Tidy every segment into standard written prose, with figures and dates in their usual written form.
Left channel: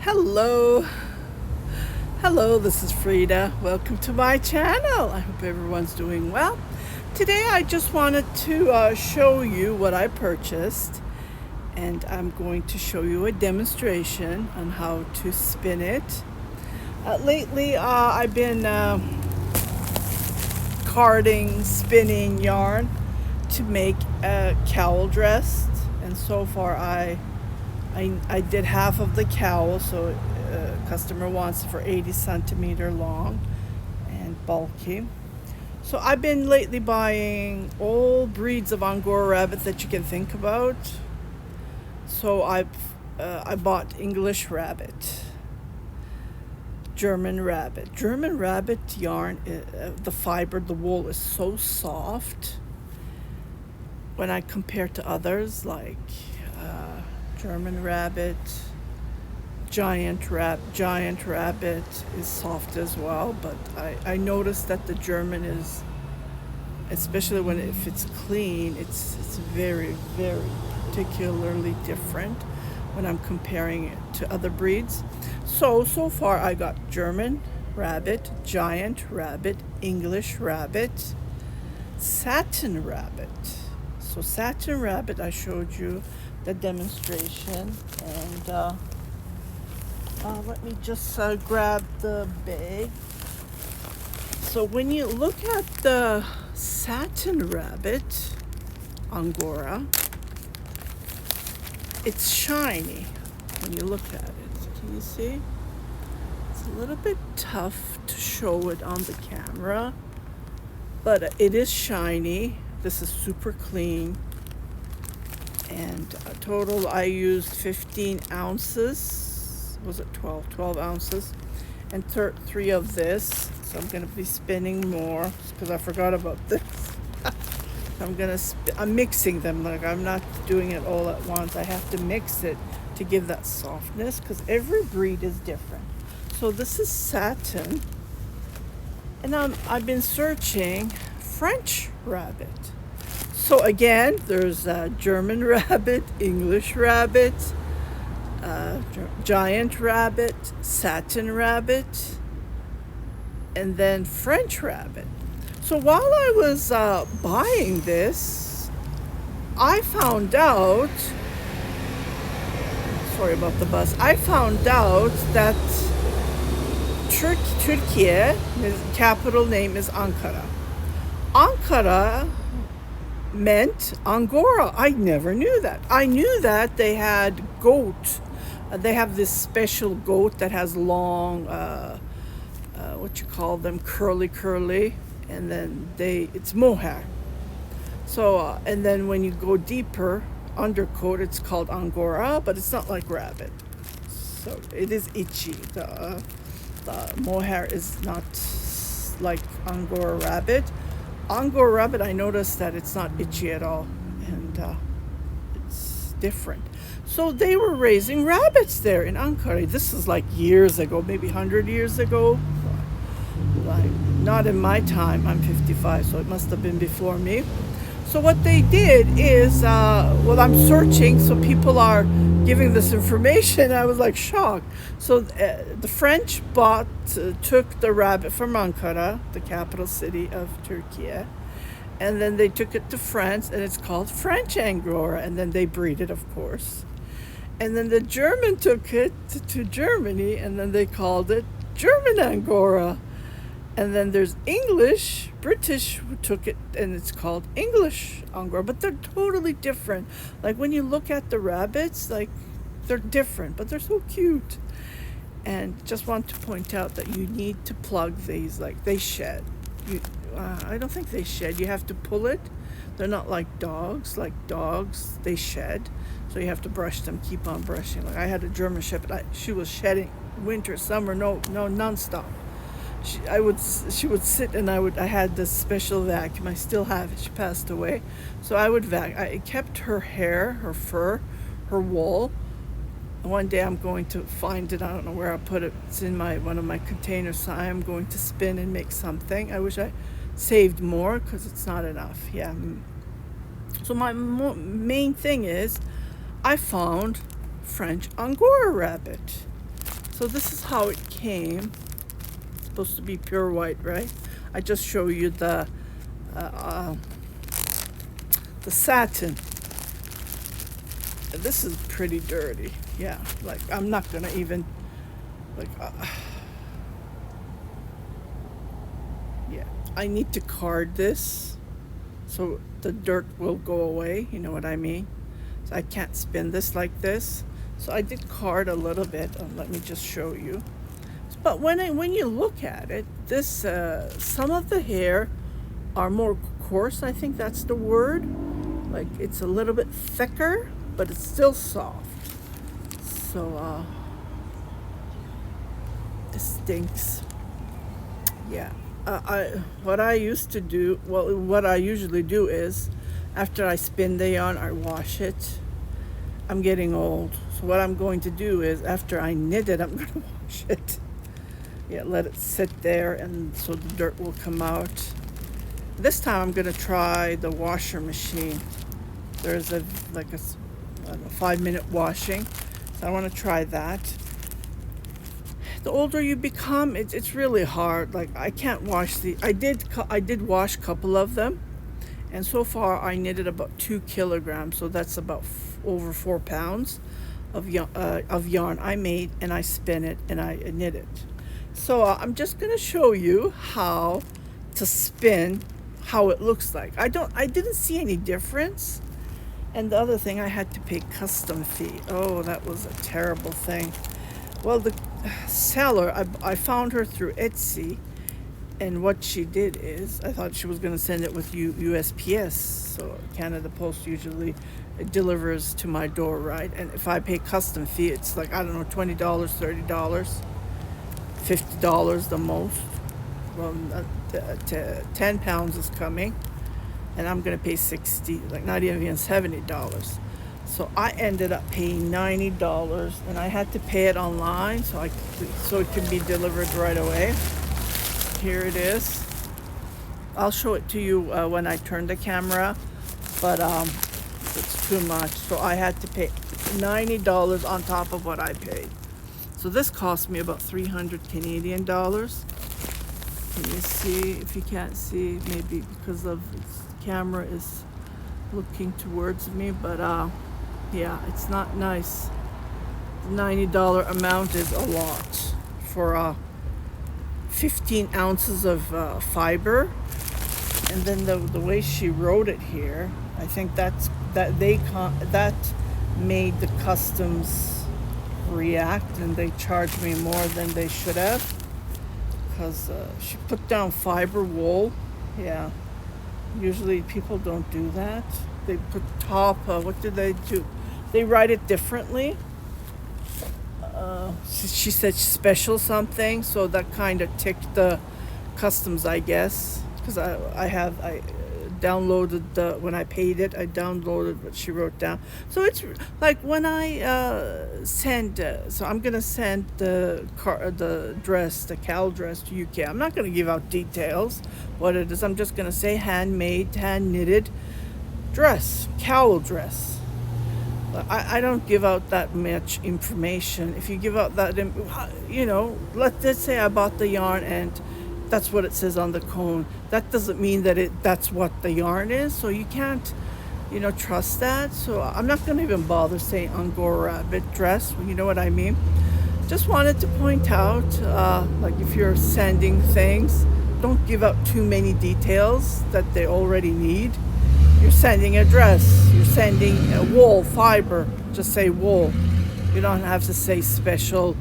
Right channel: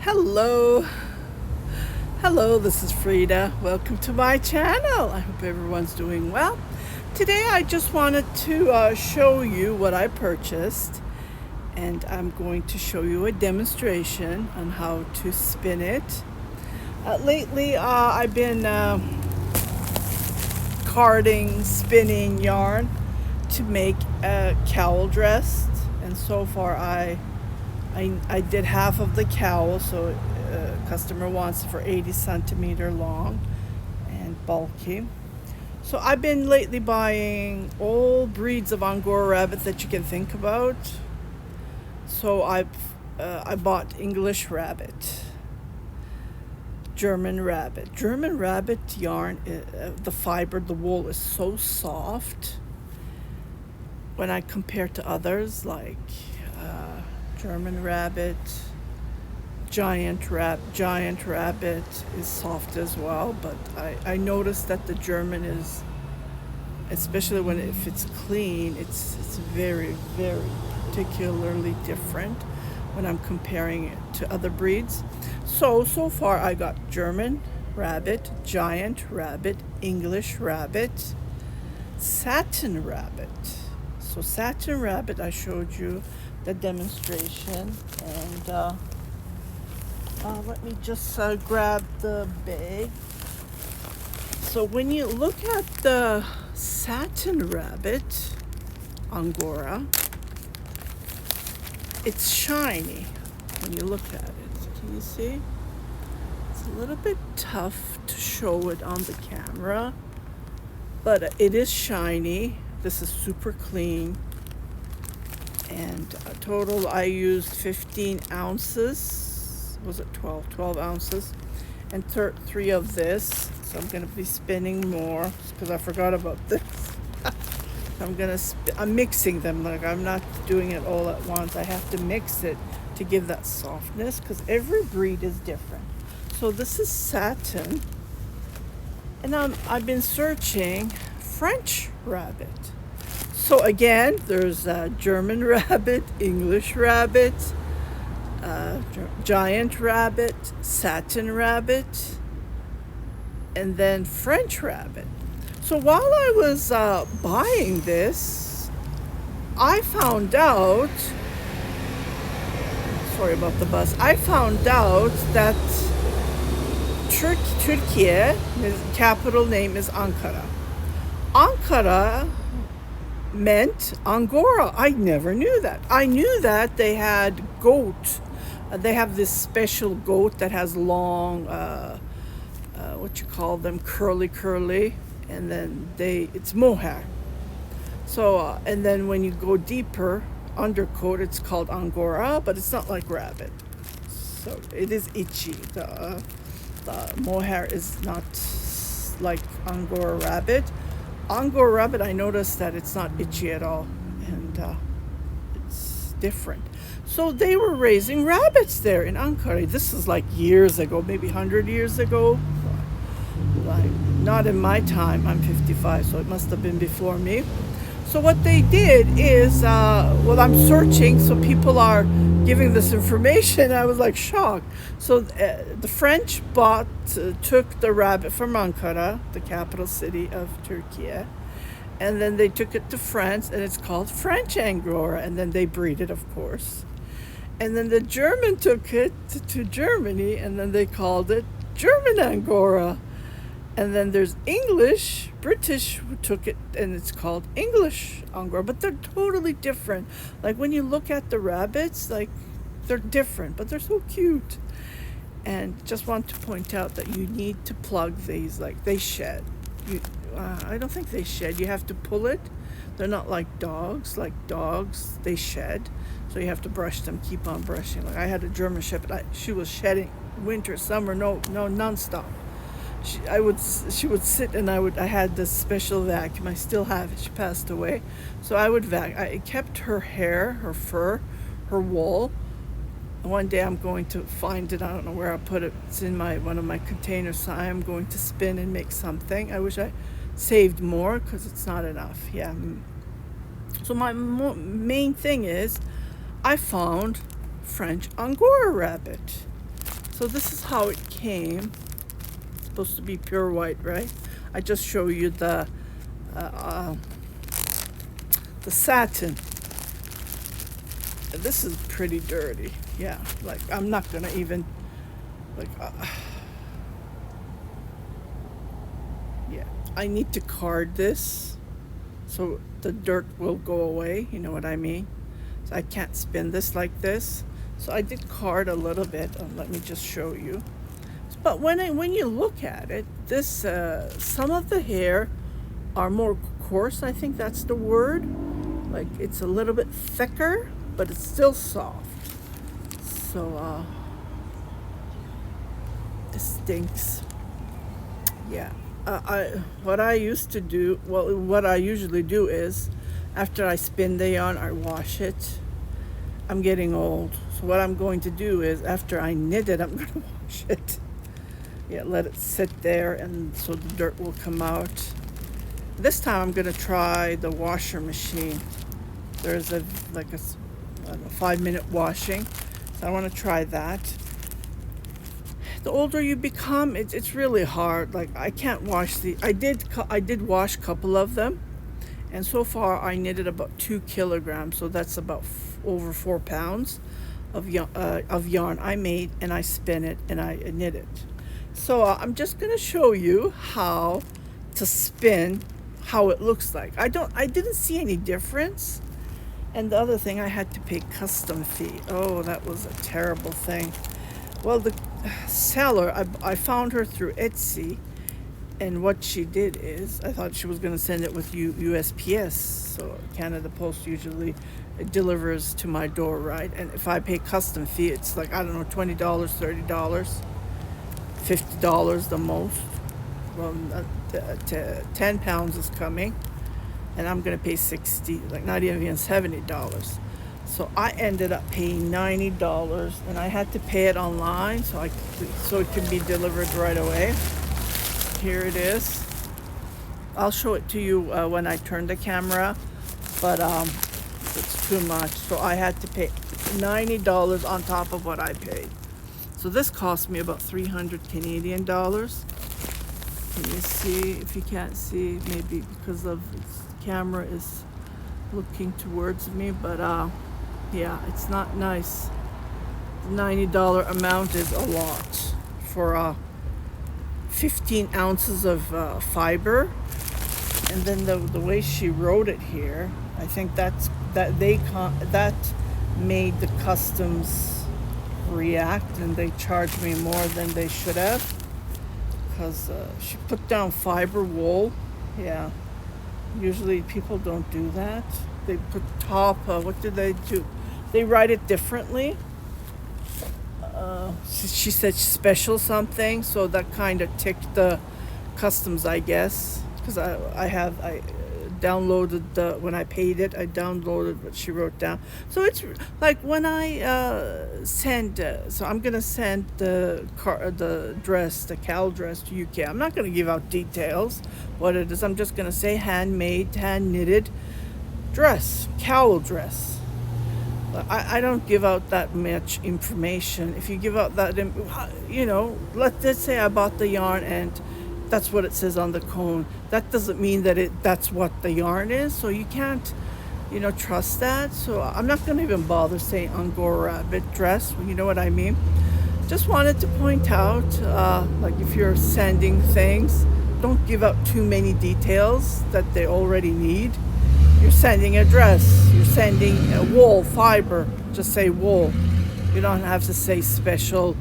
Hello, this is Frida. Welcome to my channel. I hope everyone's doing well. Today I just wanted to show you what I purchased, and I'm going to show you a demonstration on how to spin it. Lately I've been carding, spinning yarn to make a cowl dress, and so far I did half of the cowl, so customer wants it for 80 centimeter long and bulky. So I've been lately buying all breeds of Angora rabbit that you can think about. So I bought English rabbit, German rabbit. German rabbit yarn, the fiber, the wool is so soft when I compare to others like German rabbit, giant rabbit is soft as well, but I noticed that the German is, especially if it's clean, it's very, very particularly different when I'm comparing it to other breeds. So far I got German rabbit, giant rabbit, English rabbit, satin rabbit. So satin rabbit, I showed you the demonstration, and let me just grab the bag. So when you look at the satin rabbit Angora, it's shiny when you look at it. Can you see? It's a little bit tough to show it on the camera, but it is shiny. This is super clean. And total I used 15 ounces. Was it 12 ounces, and 3 of this. So I'm going to be spinning more because I forgot about this. I'm mixing them. Like, I'm not doing it all at once. I have to mix it to give that softness because every breed is different. So this is satin, and I've been searching French rabbit. So again, there's German rabbit, English rabbit, giant rabbit, satin rabbit, and then French rabbit. So while I was buying this, I found out, sorry about the bus, I found out that Turkey, his capital name is Ankara. Ankara meant Angora. I never knew that. I knew that they had goat. They have this special goat that has long, what you call them, curly, and then it's mohair. So, and then when you go deeper, undercoat, it's called Angora, but it's not like rabbit. So it is itchy. The mohair is not like Angora rabbit. Angora rabbit, I noticed that it's not itchy at all, and it's different. So they were raising rabbits there in Ankara. This is like years ago, maybe 100 years ago. Like, not in my time. I'm 55, so it must have been before me. So what they did is, I'm searching, so people are giving this information. I was like shocked. So the French took the rabbit from Ankara, the capital city of Turkey, and then they took it to France, and it's called French Angora, and then they breed it, of course. And then the German took it to Germany, and then they called it German Angora. And then there's British who took it, and it's called English Angora, but they're totally different. Like, when you look at the rabbits, like, they're different, but they're so cute. And just want to point out that you need to plug these, like, they shed. I don't think they shed. You have to pull it. They're not like dogs. Like dogs, they shed. So you have to brush them, keep on brushing. Like, I had a German Shepherd. She was shedding winter, summer, no, nonstop. She would sit, and I had this special vacuum. I still have it. She passed away. So I would I kept her hair, her fur, her wool. One day I'm going to find it. I don't know where I put it. It's in one of my containers. So I am going to spin and make something. I wish I saved more because it's not enough. Yeah. So my main thing is I found French Angora rabbit. So this is how it came. It's supposed to be pure white, right? I just show you the satin. This is pretty dirty. Yeah, like I'm not gonna even like. Yeah, I need to card this so the dirt will go away. You know what I mean? So I can't spin this like this. So I did card a little bit. Let me just show you. But when you look at it, this some of the hair are more coarse. I think that's the word. Like it's a little bit thicker, but it's still soft. So this stinks. Yeah. What I used to do, well, what I usually do is, after I spin the yarn, I wash it. I'm getting old, so what I'm going to do is, after I knit it, I'm going to wash it. Yeah, let it sit there, and so the dirt will come out. This time I'm going to try the washer machine. There's a 5-minute washing, so I want to try that. The older you become, it's really hard. Like I can't wash I did wash a couple of them, and so far I knitted about 2 kilograms, so that's about over 4 pounds of yarn I made, and I spin it and I knit it. So I'm just gonna show you how to spin, how it looks like. I didn't see any difference. And the other thing, I had to pay custom fee. Oh, that was a terrible thing. Well, the seller, I found her through Etsy, and what she did is, I thought she was going to send it with USPS, so Canada Post usually delivers to my door, right? And if I pay custom fee, it's like, I don't know, $20, $30, $50 the most. Well, 10 pounds is coming, and I'm going to pay 60, like not even $70. So I ended up paying $90, and I had to pay it online so it can be delivered right away. Here it is. I'll show it to you when I turn the camera, but it's too much. So I had to pay $90 on top of what I paid. So this cost me about 300 Canadian dollars. Can you see? If you can't see, maybe because of its camera is looking towards me, but yeah, it's not nice. The $90 amount is a lot for 15 ounces of fiber, and then the way she wrote it here, I think that made the customs react, and they charged me more than they should have, because she put down fiber wool. Yeah, usually people don't do that. They put top, what did they do? They write it differently. She said special something, so that kind of ticked the customs, I guess, because I downloaded when I paid it, I downloaded what she wrote down. So it's like when I send, so I'm gonna send the dress, the Cowl dress to UK. I'm not gonna give out details what it is. I'm just gonna say handmade, hand knitted dress, Cowl dress. I don't give out that much information. If you give out that, let's say I bought the yarn and that's what it says on the cone. That doesn't mean that that's what the yarn is. So you can't, trust that. So I'm not going to even bother saying Angora rabbit dress. You know what I mean? Just wanted to point out, like if you're sending things, don't give out too many details that they already need. You're sending a dress, you're sending a wool, fiber, just say wool. You don't have to say special.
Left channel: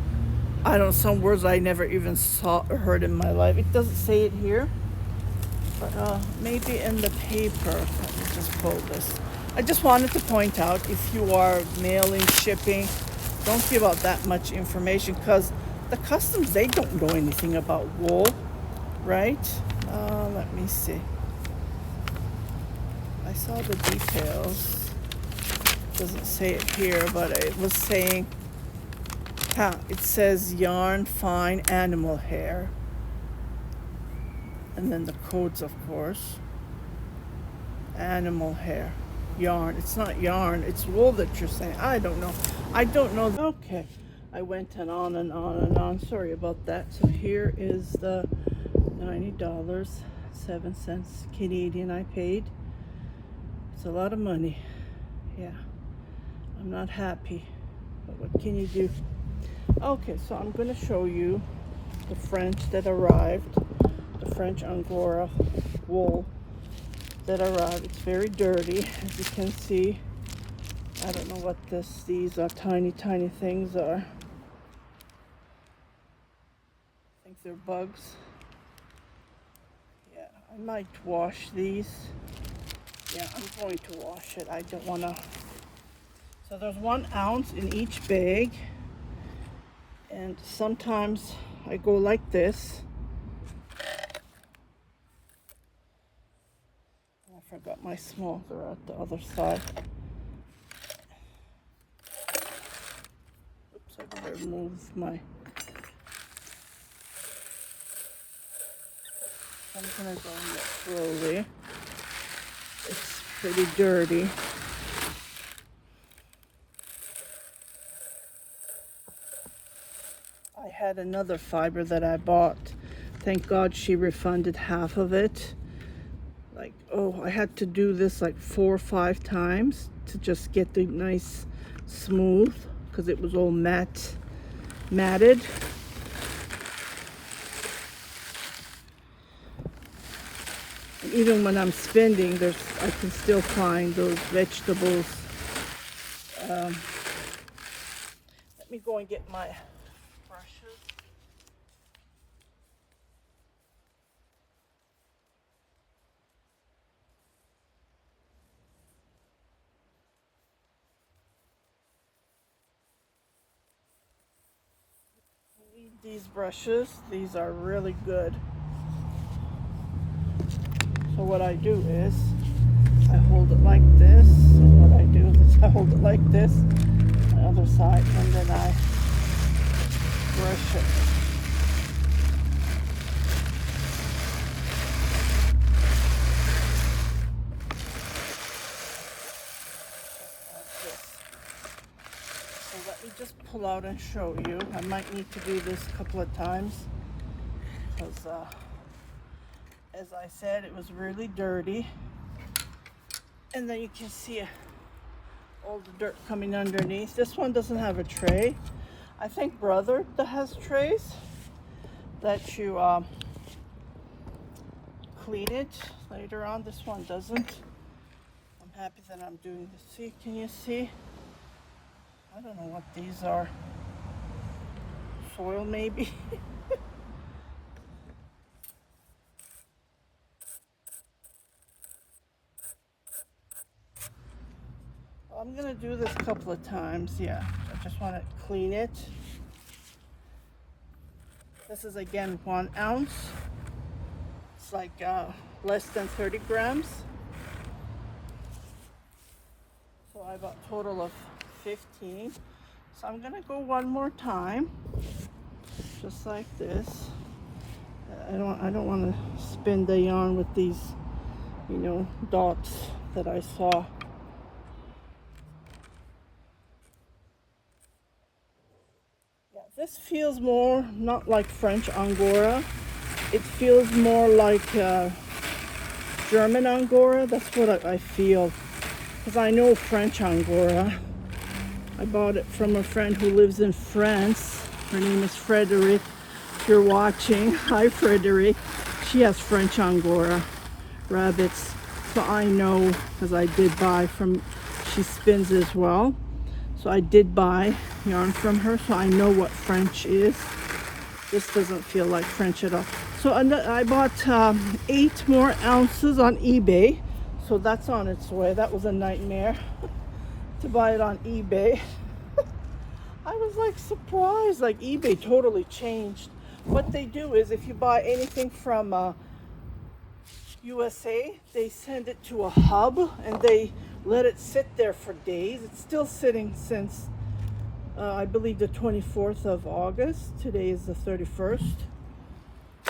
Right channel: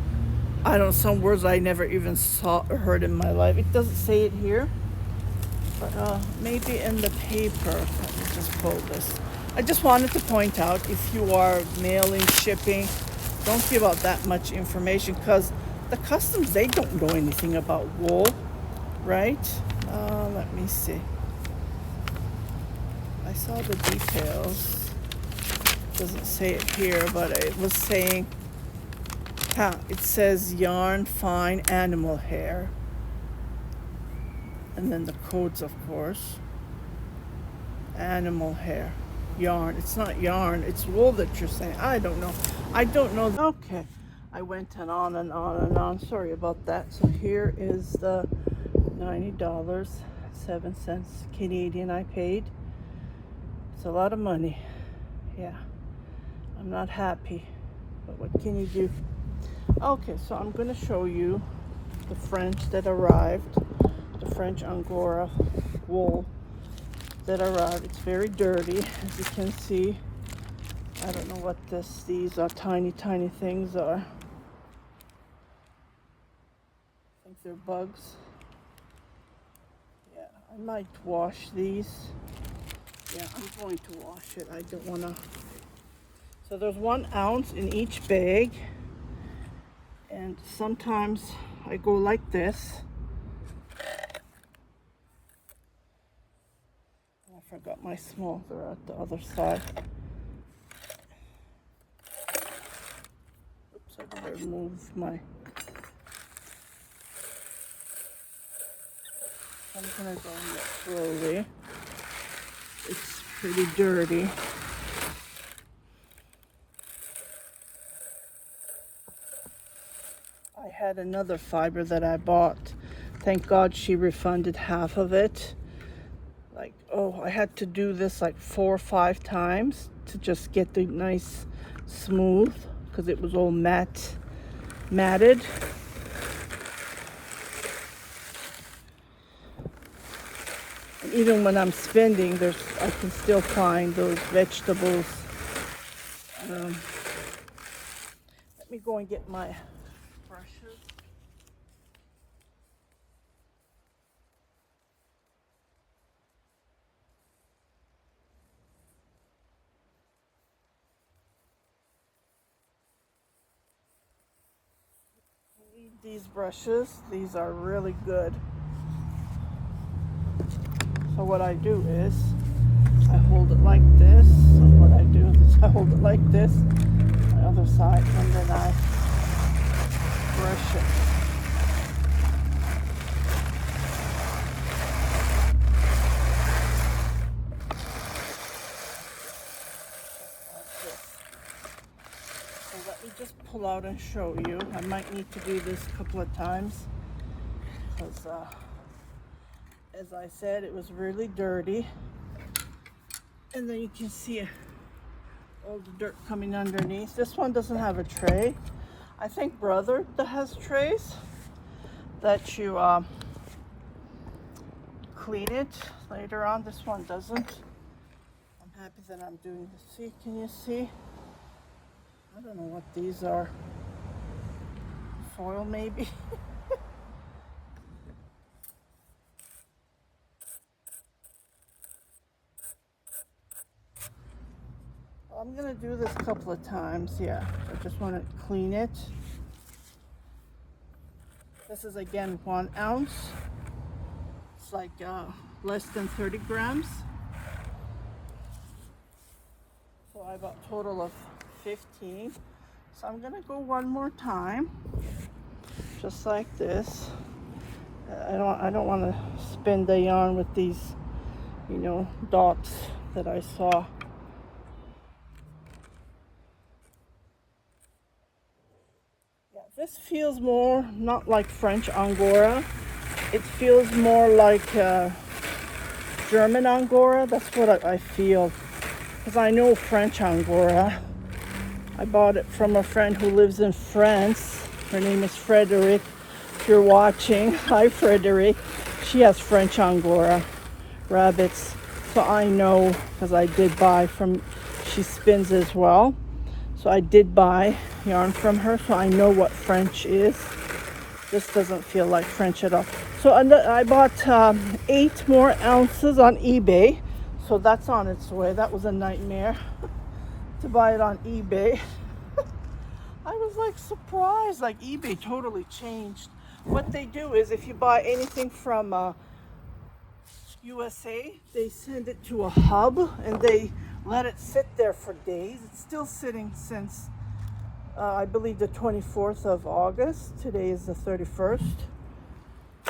I don't know, some words I never even saw or heard in my life. It doesn't say it here, but maybe in the paper. Let me just pull this. I just wanted to point out, if you are mailing, shipping, don't give out that much information, because the customs, they don't know anything about wool, right? Let me see. I saw the details. Doesn't say it here, but it was saying, it says yarn, fine, animal hair. And then the codes, of course. Animal hair. Yarn. It's not yarn, it's wool that you're saying. I don't know. Okay. I went and on and on and on. Sorry about that. So here is the $90.07 Canadian I paid. It's a lot of money. Yeah, I'm not happy, but what can you do? Okay, so I'm going to show you the French that arrived, the French Angora wool that arrived. It's very dirty, as you can see. I don't know what these are, tiny things are. I think they're bugs. Yeah, I might wash these. Yeah, I'm going to wash it. I don't want to. So there's 1 ounce in each bag. And sometimes I go like this. I forgot my small, they're out the other side. Oops, I better move my. I'm gonna go slowly. It's pretty dirty. I had another fiber that I bought. Thank God she refunded half of it. Like, oh, I had to do this like 4 or 5 times to just get the nice smooth, because it was all matted. And even when I'm spending, I can still find those vegetables. Let me go and get my brushes. I need these brushes. These are really good. So what I do is I hold it like this. So what I do is I hold it like this, the other side, and then I brush it. So let me just pull out and show you. I might need to do this a couple of times because as I said, it was really dirty. And then you can see all the dirt coming underneath. This one doesn't have a tray. I think Brother that has trays that you clean it later on. This one doesn't. I'm happy that I'm doing this. See, can you see? I don't know what these are. Soil maybe? I'm gonna do this a couple of times. Yeah, I just want to clean it. This is again 1 ounce. It's like less than 30 grams. So I got a total of 15. So I'm gonna go one more time, just like this. I don't want to spin the yarn with these, you know, dots that I saw. This feels more not like French Angora. It feels more like German Angora. That's what I feel. Because I know French Angora. I bought it from a friend who lives in France. Her name is Frederick. If you're watching, hi Frederick. She has French Angora rabbits. So I know, because I did buy from, she spins as well. So I did buy yarn from her, so I know what French is. This doesn't feel like French at all. So I bought 8 more ounces on eBay. So that's on its way. That was a nightmare to buy it on eBay. I was like surprised, like eBay totally changed. What they do is if you buy anything from USA, they send it to a hub and they let it sit there for days. It's still sitting since I believe the 24th of August. Today is the 31st.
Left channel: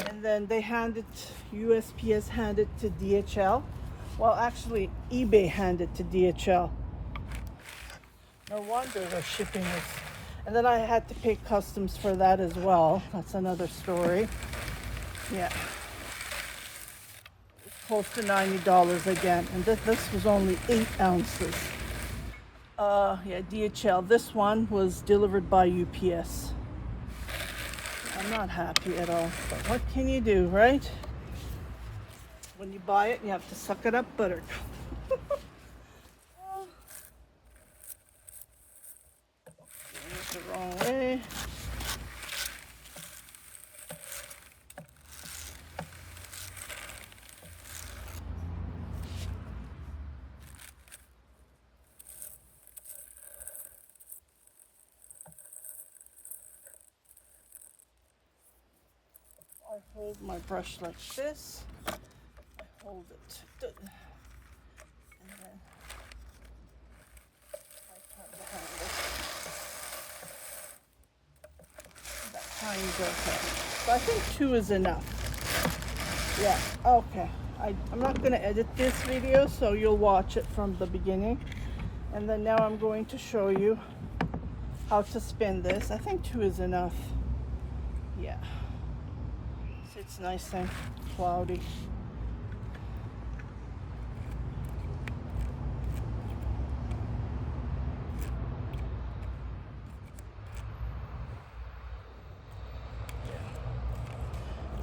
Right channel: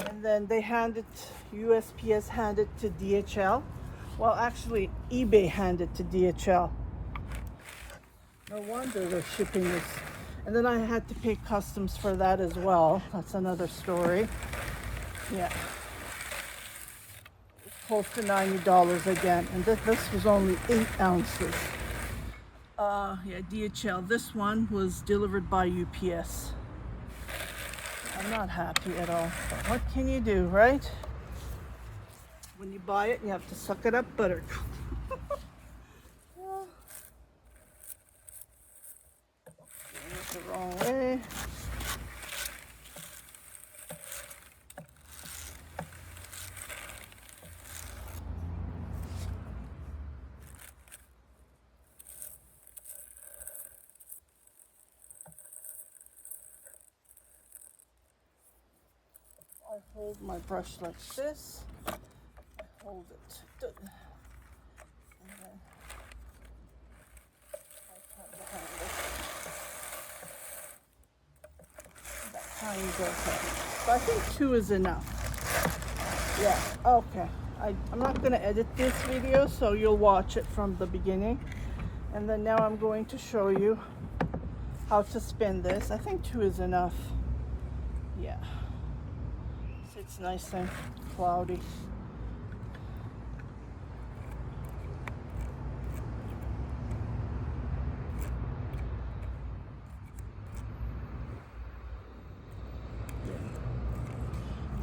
And then they hand it, USPS handed to DHL. Well, actually, eBay handed to DHL. No wonder their shipping is And then I had to pay customs for that as well. That's another story. Yeah. Close to $90 again. And this was only 8 ounces. Yeah, DHL. This one was delivered by UPS. I'm not happy at all. What can you do, right? When you buy it, you have to suck it up buttermilk. Well, doing it the wrong way. I hold my brush like this. Hold it. And then I come behind it. That tiny bit. But I think 2 is enough. Yeah, okay. I'm not going to edit this video, so you'll watch it from the beginning. And then now I'm going to show you how to spin this. I think 2 is enough. Yeah. See, it's nice and cloudy.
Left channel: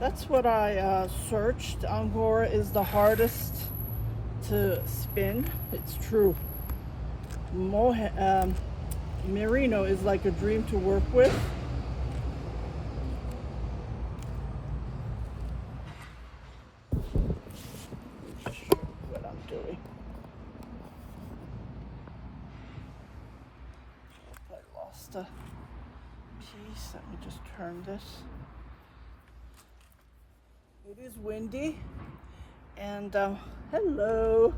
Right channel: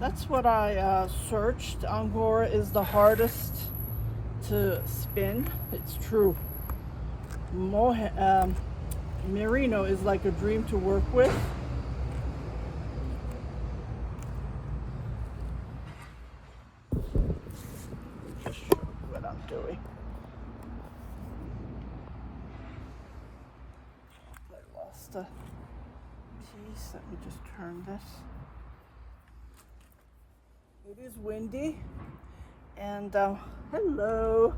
That's what I searched. Angora is the hardest to spin. It's true. Merino is like a dream to work with. What I'm doing. I lost a piece. Let me just turn this. It is windy, and hello.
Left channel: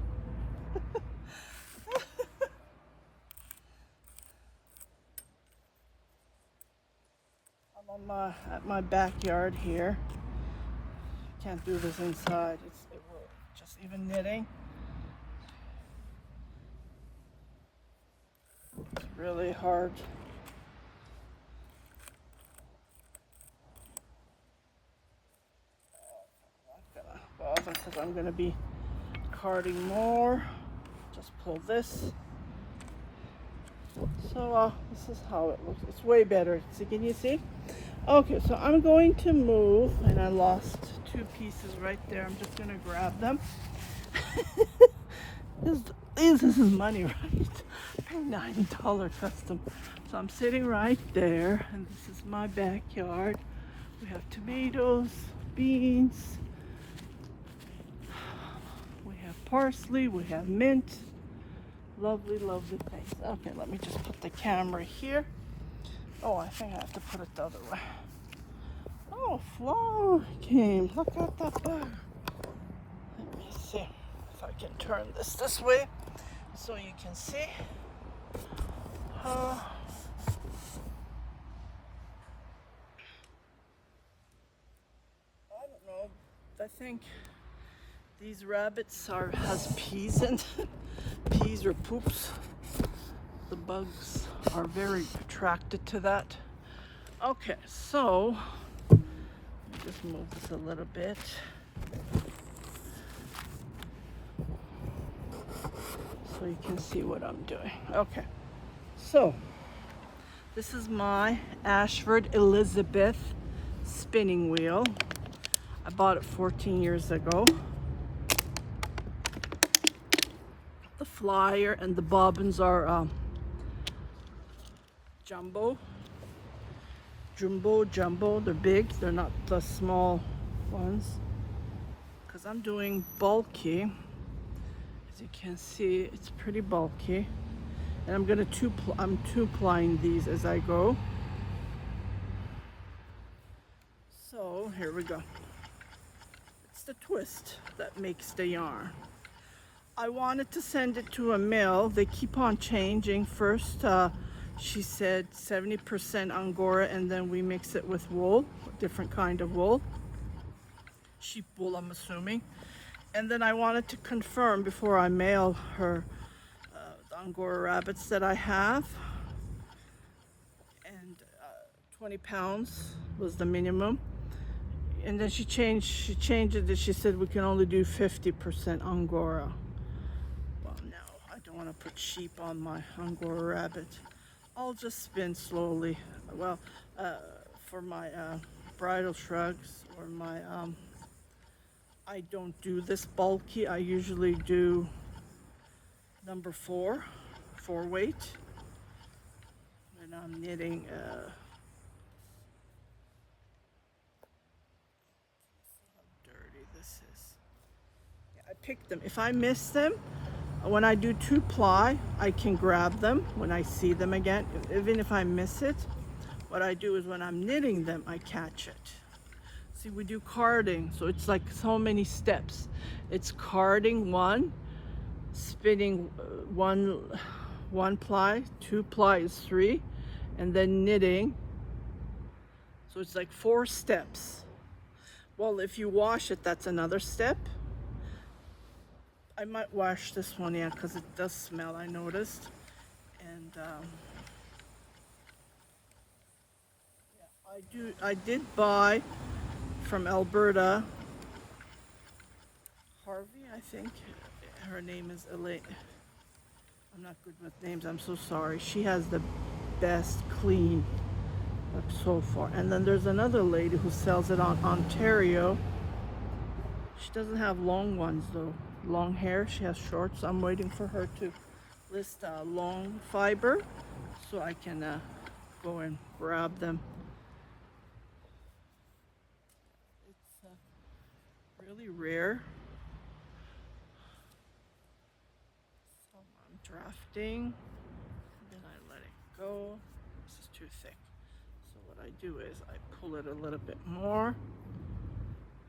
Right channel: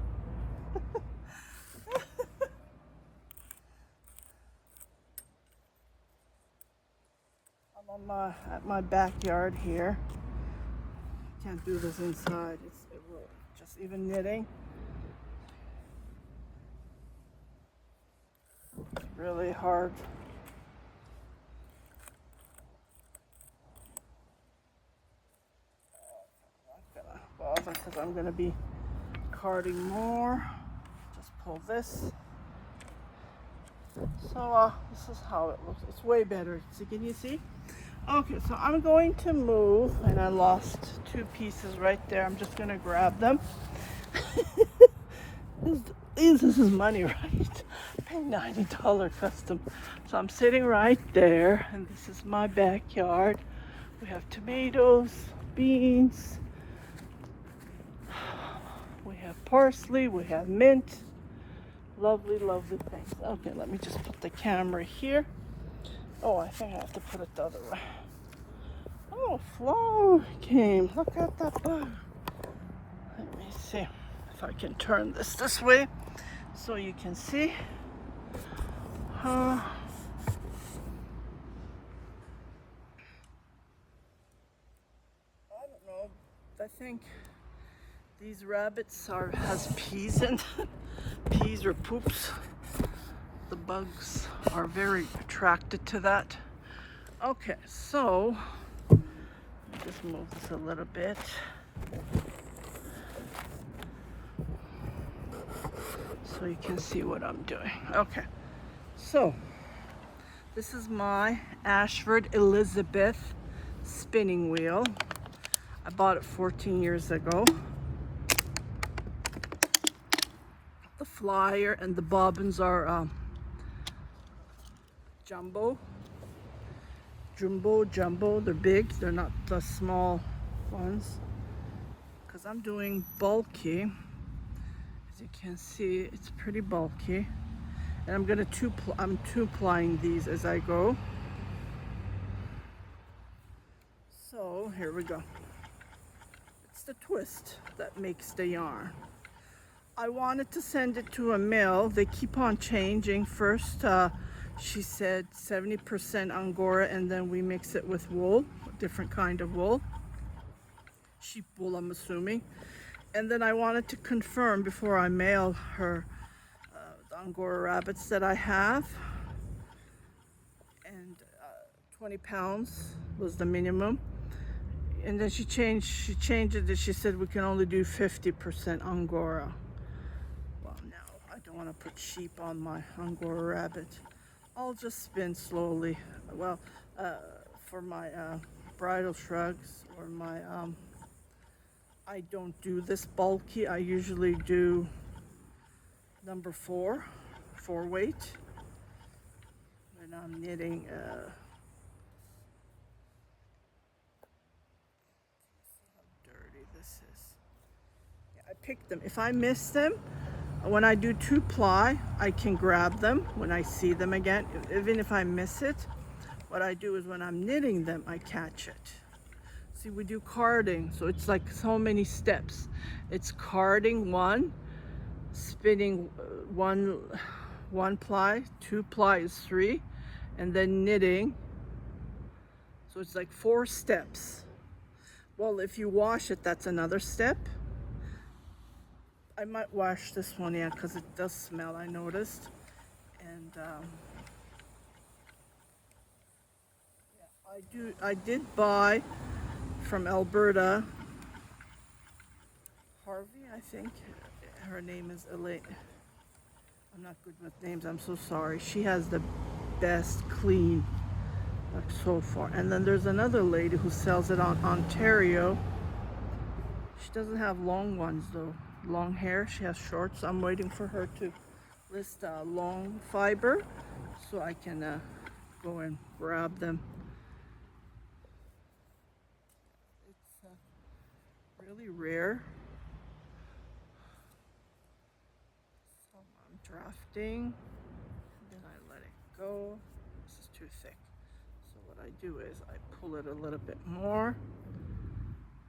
I'm at my backyard here. Can't do this inside. It will just even knitting. It's really hard. Because I'm going to be carding more. Just pull this. So this is how it looks. It's way better. So can you see? Okay, so I'm going to move, and I lost 2 pieces right there. I'm just going to grab them. This is money, right? Pay $90 custom. So I'm sitting right there, and this is my backyard. We have tomatoes, beans. We have parsley, we have mint. Lovely, lovely things. Okay, let me just put the camera here. Oh, I think I have to put it the other way. Oh, flower came. Look at that bug. Let me see if I can turn this way so you can see. I don't know. I think these rabbits has peas in them. Peas or poops. The bugs are very attracted to that. Okay, so just move this a little bit. So you can see what I'm doing. Okay, so this is my Ashford Elizabeth spinning wheel. I bought it 14 years ago. The flyer and the bobbins are jumbo. They're big. They're not the small ones. Because I'm doing bulky. As you can see, it's pretty bulky. And I'm two-plying these as I go. So here we go. It's the twist that makes the yarn. I wanted to send it to a mill. They keep on changing. First, she said 70% Angora, and then we mix it with wool, different kind of wool. Sheep wool, I'm assuming. And then I wanted to confirm before I mail her the Angora rabbits that I have. and 20 pounds was the minimum. And then she changed it. She said we can only do 50% Angora. No, I don't want to put sheep on my Angora rabbit. I'll just spin slowly. Well, for my bridal shrugs or my, I don't do this bulky. I usually do number 4 weight. When I'm knitting, see how dirty this is. Yeah, I pick them. If I miss them, when I do 2-ply, I can grab them when I see them again. Even if I miss it, what I do is when I'm knitting them, I catch it. See, we do carding, so it's like so many steps. It's carding 1, spinning 1 ply, 2-ply is 3, and then knitting. So it's like 4 steps. Well, if you wash it, that's another step. I might wash this one, yeah, because it does smell, I noticed. And yeah, I did buy from Alberta, Harvey, I think. Her name is Elaine. I'm not good with names, I'm so sorry. She has the best clean, like so far. And then there's another lady who sells it on Ontario. She doesn't have long ones though, long hair. She has shorts. I'm waiting for her to list long fiber so I can go and grab them. It's really rare. So I'm drafting, then I let it go. This is too thick. So what I do is I pull it a little bit more.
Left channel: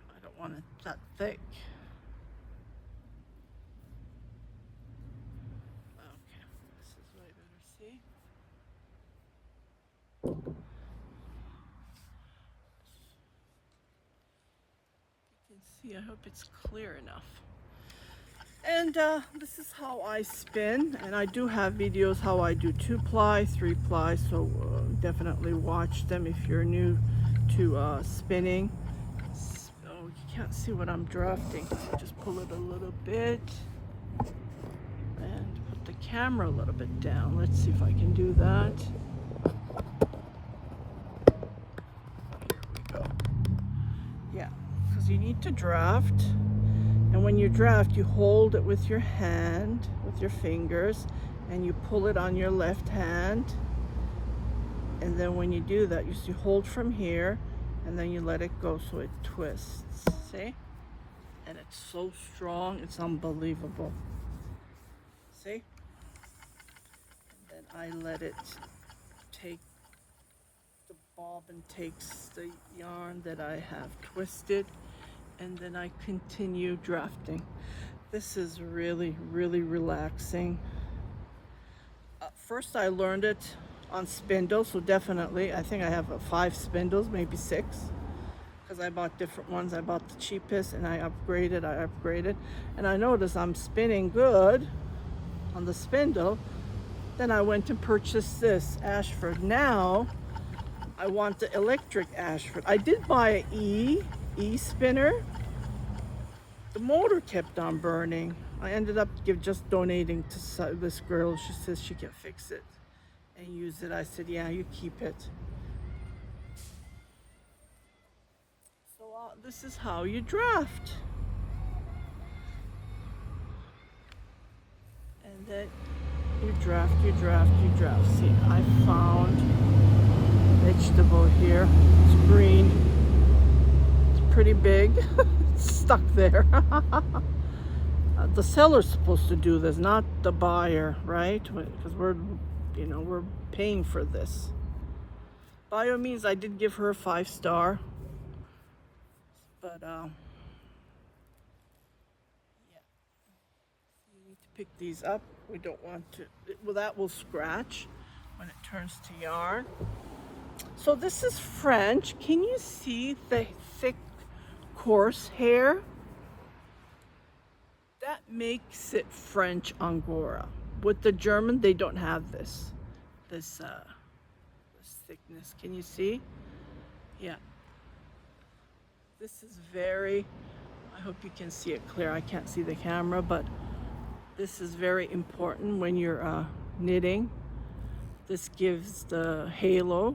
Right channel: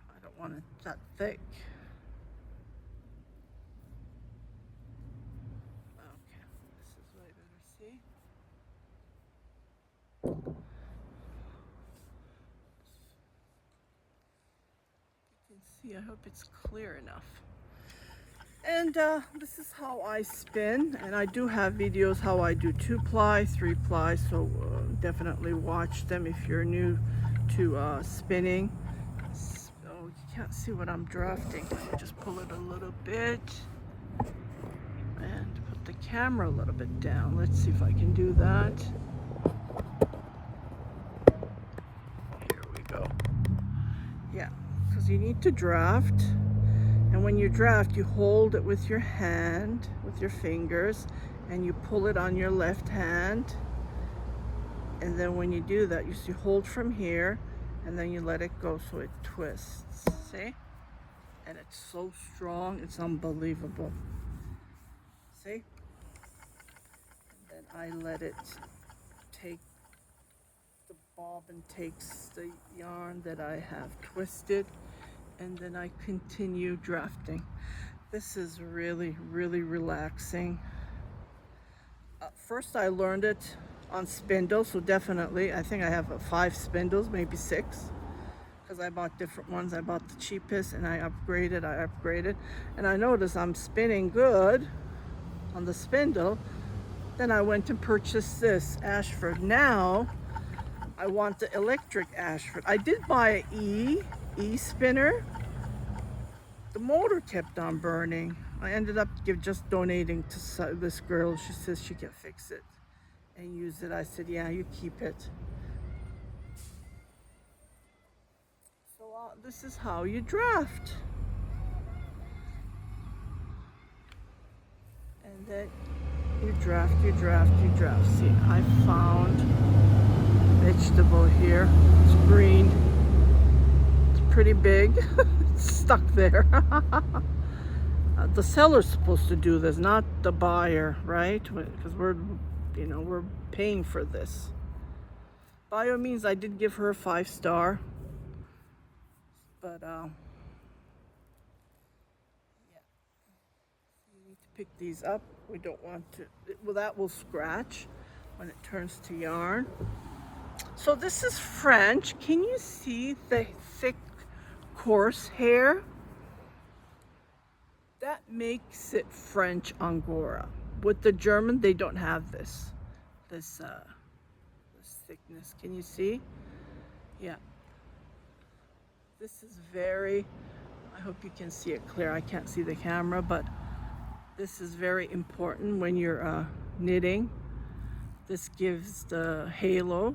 I don't want it that thick. Okay, this is way better, see? You can see, I hope it's clear enough. And this is how I spin, and I do have videos how I do 2-ply, 3-ply, so definitely watch them if you're new to spinning. Oh, you can't see what I'm drafting, so just pull it a little bit and put the camera a little bit down. Let's see if I can do that. Here we go. Yeah, because you need to draft. And when you draft, you hold it with your hand, with your fingers, and you pull it on your left hand. And then when you do that, you hold from here, and then you let it go so it twists. See? And it's so strong, it's unbelievable. See? And then I let it take, the bobbin takes the yarn that I have twisted, and then I continue drafting. This is really, really relaxing. First I learned it on spindle, so definitely, I think I have 5 spindles, maybe 6, because I bought different ones. I bought the cheapest and I upgraded, and I noticed I'm spinning good on the spindle. Then I went to purchase this Ashford. Now I want the electric Ashford. I did buy an E spinner. The motor kept on burning. I ended up just donating to this girl. She says she can fix it and use it. I said, yeah, you keep it. So this is how you draft. And then you draft. See, I found vegetable here. It's green. It's pretty big. It's stuck there. The seller's supposed to do this, not the buyer, right? Because we're paying for this. By all means, I did give her a 5-star, but yeah, so you need to pick these up. We don't want to. Well, that will scratch when it turns to yarn. So this is French. Can you see the thick, coarse hair? That makes it French Angora. With the German, they don't have this thickness. Can you see? Yeah. This is very, I hope you can see it clear. I can't see the camera, but this is very important when you're knitting. This gives the halo.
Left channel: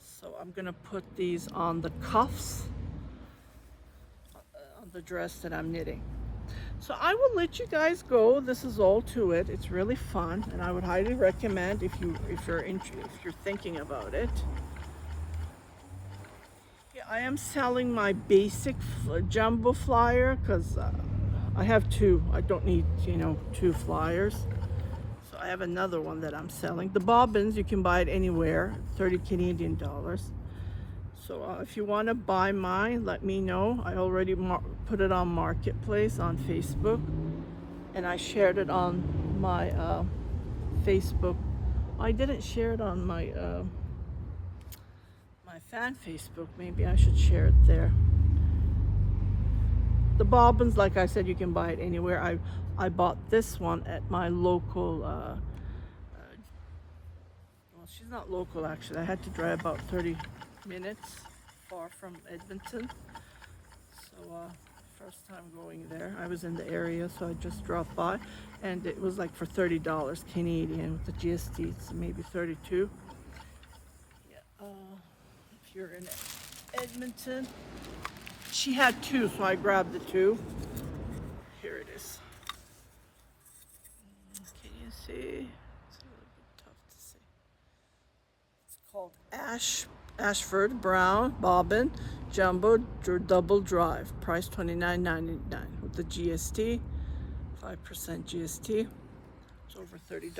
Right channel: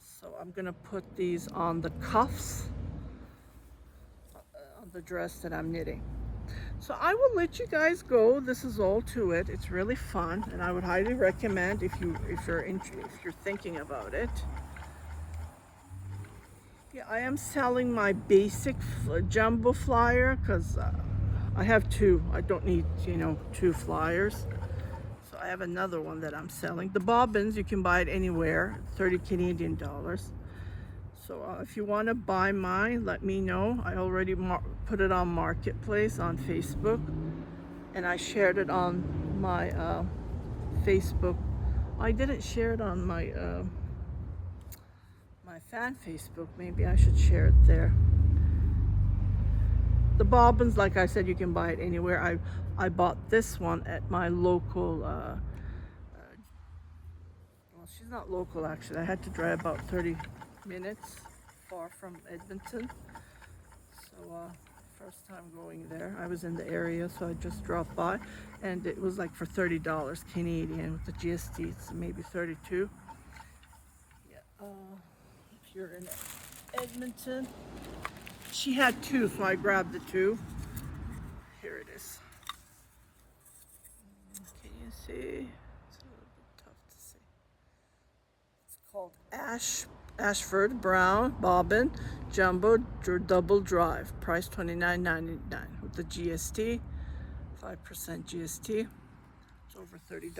So I'm gonna put these on the cuffs on the dress that I'm knitting. So I will let you guys go. This is all to it. It's really fun, and I would highly recommend if you're thinking about it. Yeah, I am selling my basic jumbo flyer because I have two. I don't need, two flyers. So I have another one that I'm selling. The bobbins, you can buy it anywhere, 30 Canadian dollars. So if you want to buy mine, let me know. I already put it on Marketplace on Facebook, and I shared it on my Facebook. I didn't share it on my my fan Facebook. Maybe I should share it there. The bobbins, like I said, you can buy it anywhere. I bought this one at my local. Well, she's not local actually. I had to drive about 30 minutes far from Edmonton. So first time going there. I was in the area, so I just dropped by, and it was like for $30 Canadian. The GST, it's maybe 32. Yeah. If you're in Edmonton, she had two, so I grabbed the two. Here it is. Can you see? It's a little bit tough to see. It's called Ashford Brown Bobbin Jumbo Double Drive. Price $29.99 with the GST, 5% GST. It's over $30.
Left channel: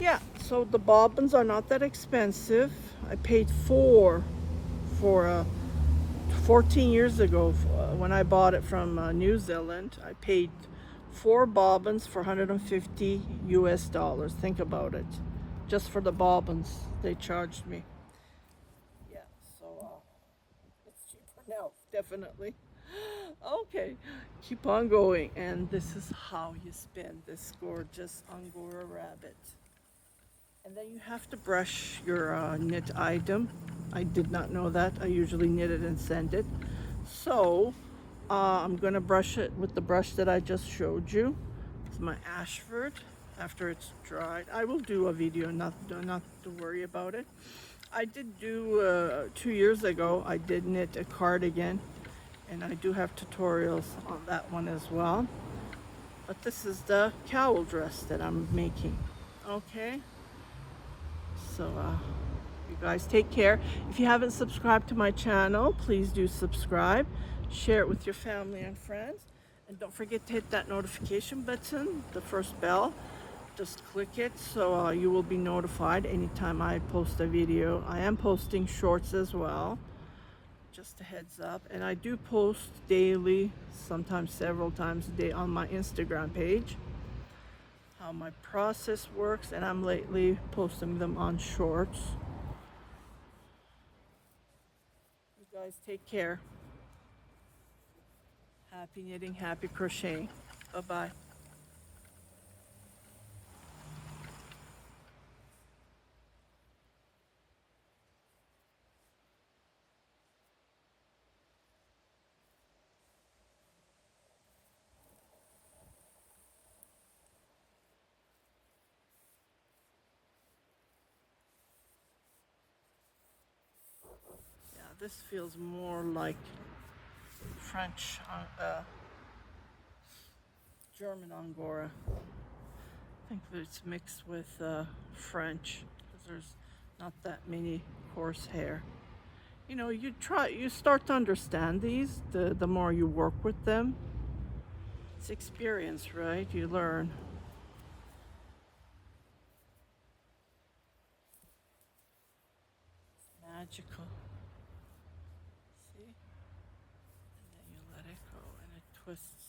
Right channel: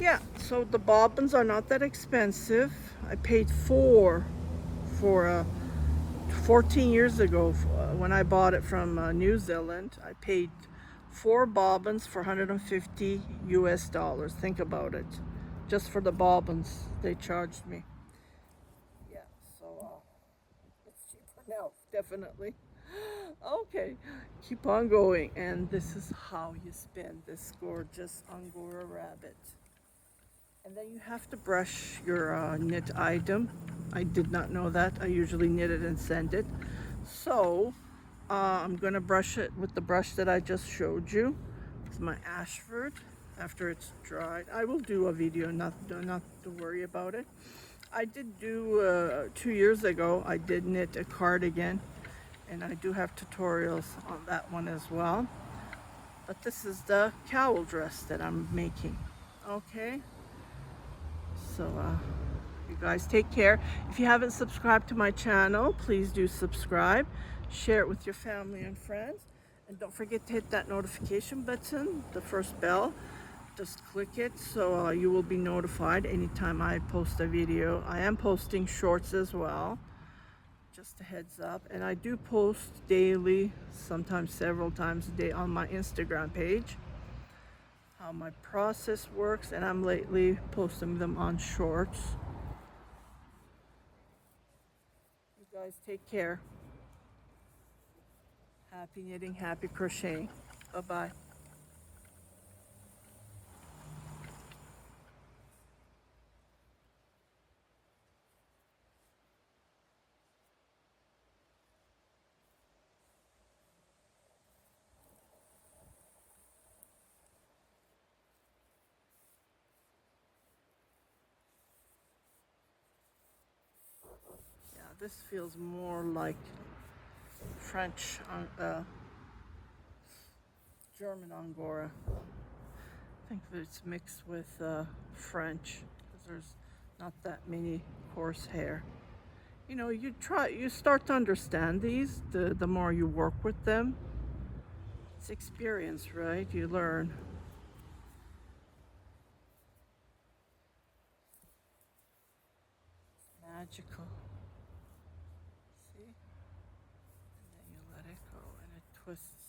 Yeah, so the bobbins are not that expensive. I paid four for 14 years ago when I bought it from New Zealand. I paid 4 bobbins for 150 US dollars. Think about it. Just for the bobbins, they charged me. Yeah, so it's cheaper now, definitely. Okay, keep on going. And this is how you spin this gorgeous Angora rabbit. And then you have to brush your knit item. I did not know that. I usually knit it and send it. So I'm gonna brush it with the brush that I just showed you. It's my Ashford. After it's dried, I will do a video. Not to worry about it. I did do 2 years ago. I did knit a cardigan, and I do have tutorials on that one as well. But this is the cowl dress that I'm making. Okay. So you guys take care. If you haven't subscribed to my channel, please do subscribe. Share it with your family and friends. And don't forget to hit that notification button, the first bell. Just click it so you will be notified anytime I post a video. I am posting shorts as well. Just a heads up. And I do post daily, sometimes several times a day on my Instagram page. How my process works, and I'm lately posting them on shorts. You guys take care. Happy knitting, happy crocheting. Bye-bye. Yeah, this feels more like French, German Angora. I think that it's mixed with French, because there's not that many horsehair. You start to understand these the more you work with them. It's experience, right? You learn. It's magical. See? And then you let it go, and it twists